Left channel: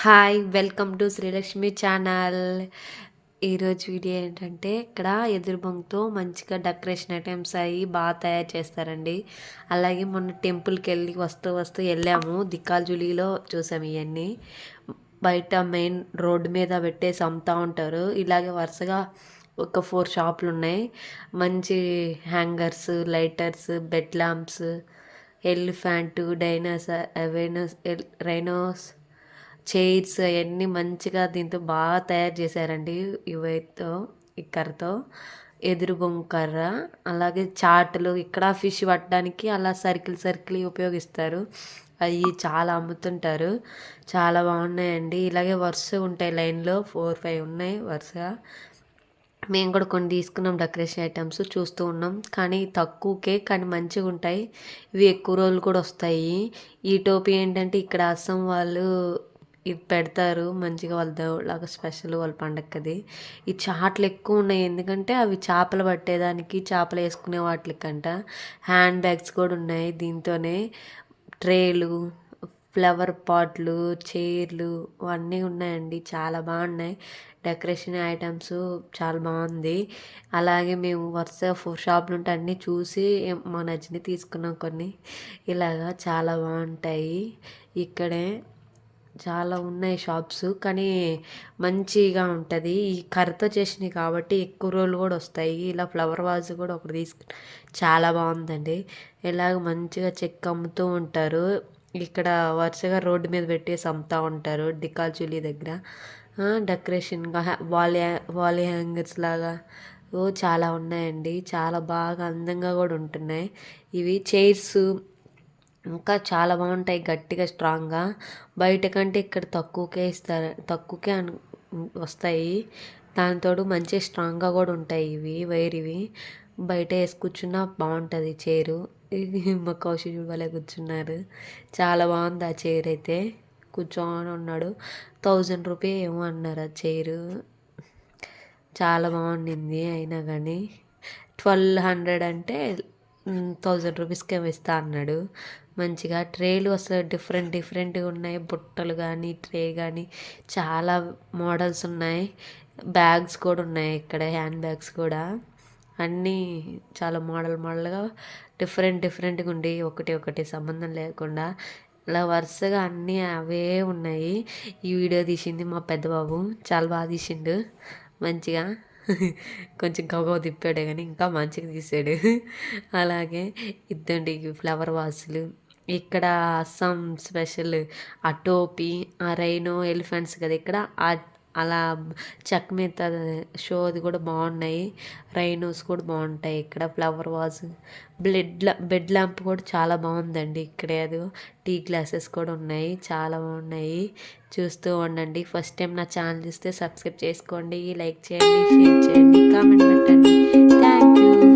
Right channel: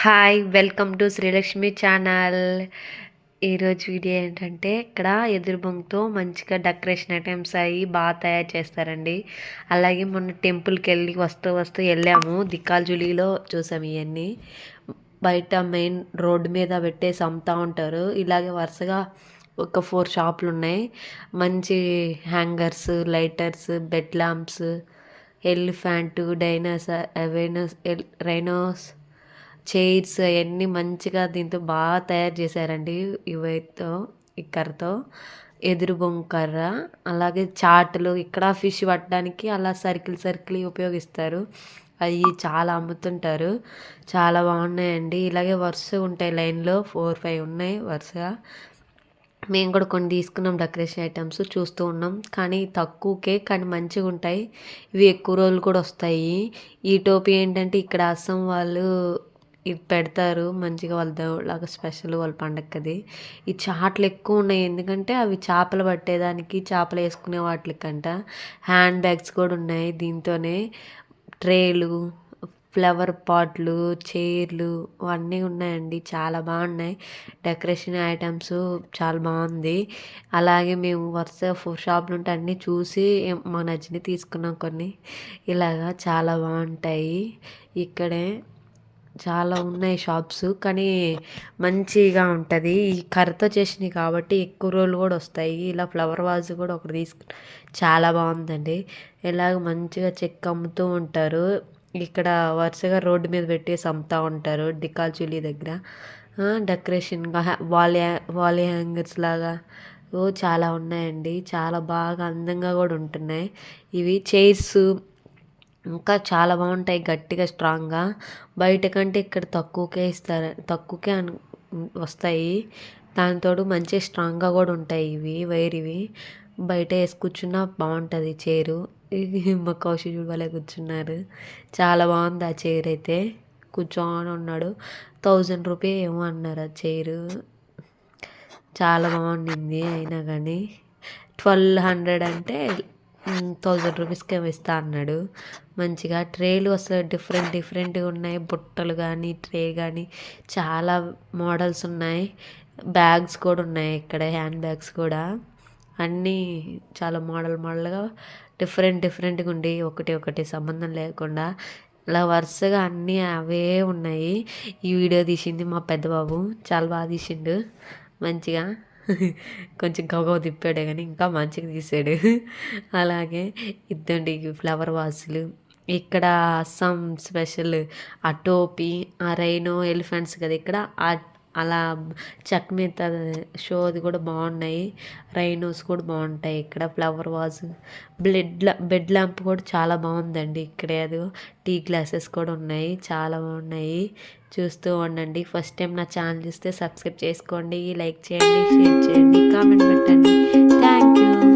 Hi! Welcome to Srilakshmi channel. ఈరోజు video ఏంటంటే, ఇక్కడ ఎదురు బొంగుతో మంచిగా డెకరేషన్ ఐటెమ్స్ అయ్యి తయారు చేస్తారండి. అలాగే మొన్న టెంపుల్‌కెళ్ళి వస్తూ ఎళ్ళాము. దిక్కాజులీలో చూసాము ఇయన్నీ. బయట మెయిన్ రోడ్డు మీద పెట్టేసి అమ్ముతా ఉంటారు. ఇలాగే వరుసగా ఒక 4 షాపులున్నాయి. మంచి hangers, lighters, bed lamps, elephant, rhinos chairs అయన్నీ మంచిగా దీంతో బాగా తయారు చేశారండి. ఈ కర్రతో ఎదురు బొంగు కర్ర. అలాగే చాటలు ఇక్కడ ఫిష్ పట్టడానికి అలా సర్కిల్ ఉపయోగిస్తారు. అవి చాలా అమ్ముతుంటారు. చాలా బాగున్నాయండి. ఇలాగే వరుసగా ఉంటాయి లైన్‌లో 4, 5 ఉన్నాయి వరుసగా. మేము కూడా కొన్ని తీసుకున్నాం డెకరేషన్ ఐటమ్స్ చూస్తూ ఉన్నాం. కానీ తక్కువకే కానీ మంచిగుంటాయి. ఇవి ఎక్కువ రోజులు కూడా వస్తాయి. ఈ టోపీ ఏంటంటే ఇక్కడ అస్సాం వాళ్ళు ఇది పెడతారు మంచిగా వాళ్ళ దేవుళ్ళలాగా స్పెషల్ వాళ్ళ పండగది. ఈ చాట్లు ఎక్కువ ఉన్నాయి. ఎందుకంటే అవి చేపలు పట్టేదానికి చేపలు వేసుకునే వాటికంట. హ్యాండ్ బ్యాగ్స్ కూడా ఉన్నాయి దీంతోనే. ట్రేలు, ఫ్లవర్ పాట్లు, చైర్లు అన్నీ ఉన్నాయండి. చాలా బాగున్నాయి. డెకరేషన్ ఐటమ్స్ చాలా బాగుంది. అలాగే మేము వరుసగా 4 షాపులు ఉంటే అన్నీ చూసి మాకు నచ్చినవి తీసుకున్నాం కొన్ని. ఇలాగా చాలా బాగుంటాయి. ఇక్కడే చాలా ఉన్నాయి షాప్స్. కానీ మంచిగా ఉంటుంది. ఈ కర్రతో చేసినవి కాబట్టి ఎక్కువ రోజులు కూడా వస్తాయి. ఇలా ఫ్లవర్ వాజ్ కూడా ఒకటి చాలా బాగుందండి. ఇలాగ మంచిగా చెక్క అమ్ముతూ ఉంటారు. ఇక్కడ వరుసగా రోడ్డు మీద పెట్టేసి అమ్ముతూ ఉంటారు డికాల్చులి దగ్గర. డెకరేషన్గా వాల్ హ్యాంగర్స్ లాగా చాలా ఉన్నాయండి. చాలా బాగా అందంగా కూడా ఉంటున్నాయి. ఇవి చైర్స్ ఇంకా చాలా బాగుంటాయి గట్టిగా స్ట్రాంగ్గా. బయట కంటే ఇక్కడ తక్కువకే ఇస్తారు. తక్కువకే వస్తాయి. దానితోడు మంచి స్ట్రాంగ్గా కూడా ఉంటాయి ఇవి బయట వేసి కూర్చున్నా బాగుంటుంది చైరు. ఇది మా కౌశిక్ భలే కూర్చున్నారు. చాలా బాగుంది ఆ చైర్ అయితే. కూర్చొని ఉన్నాడు. 1000 రూపీస్ ఏమో అన్నారు ఆ చైరు. చాలా బాగుండింది. అయినా కానీ 1200 అంటే 1000 రూపీస్కి ఏమో ఇస్తా అన్నాడు. మంచిగా ట్రేలు అసలు డిఫరెంట్గా ఉన్నాయి. బుట్టలు కానీ ట్రే కానీ చాలా మోడల్స్ ఉన్నాయి. బ్యాగ్స్ కూడా ఉన్నాయి ఇక్కడ. హ్యాండ్ బ్యాగ్స్ కూడా అన్నీ చాలా మోడల్గా డిఫరెంట్గా ఉండి ఒకటి సంబంధం లేకుండా ఇలా వరుసగా అన్నీ అవే ఉన్నాయి. ఈ వీడియో తీసింది మా పెద్ద బాబు. చాలా బాగా తీసిండు మంచిగా. కొంచెం గబగబా తిప్పాడే కానీ ఇంకా మంచిగా తీసాడు. అలాగే ఇద్దండి ఫ్లవర్ వాసులు. ఇక్కడ అస్సాం స్పెషల్ ఆ టోపీ, ఆ రైనో ఎలిఫెంట్స్ కదా ఇక్కడ అలా చెక్క మీద షోది కూడా బాగున్నాయి. రైనోస్ కూడా బాగుంటాయి ఇక్కడ. ఫ్లవర్ వాజ్, బెడ్ ల్యాంప్ కూడా చాలా బాగుందండి ఇక్కడే. అది టీ గ్లాసెస్ కూడా ఉన్నాయి. చాలా బాగున్నాయి. చూస్తూ ఉండండి. ఫస్ట్ టైం నా ఛానల్ చూస్తే సబ్స్క్రైబ్ చేసుకోండి, లైక్ చేయండి, షేర్ చేయండి, కామెంట్ పెట్టండి. Thank you.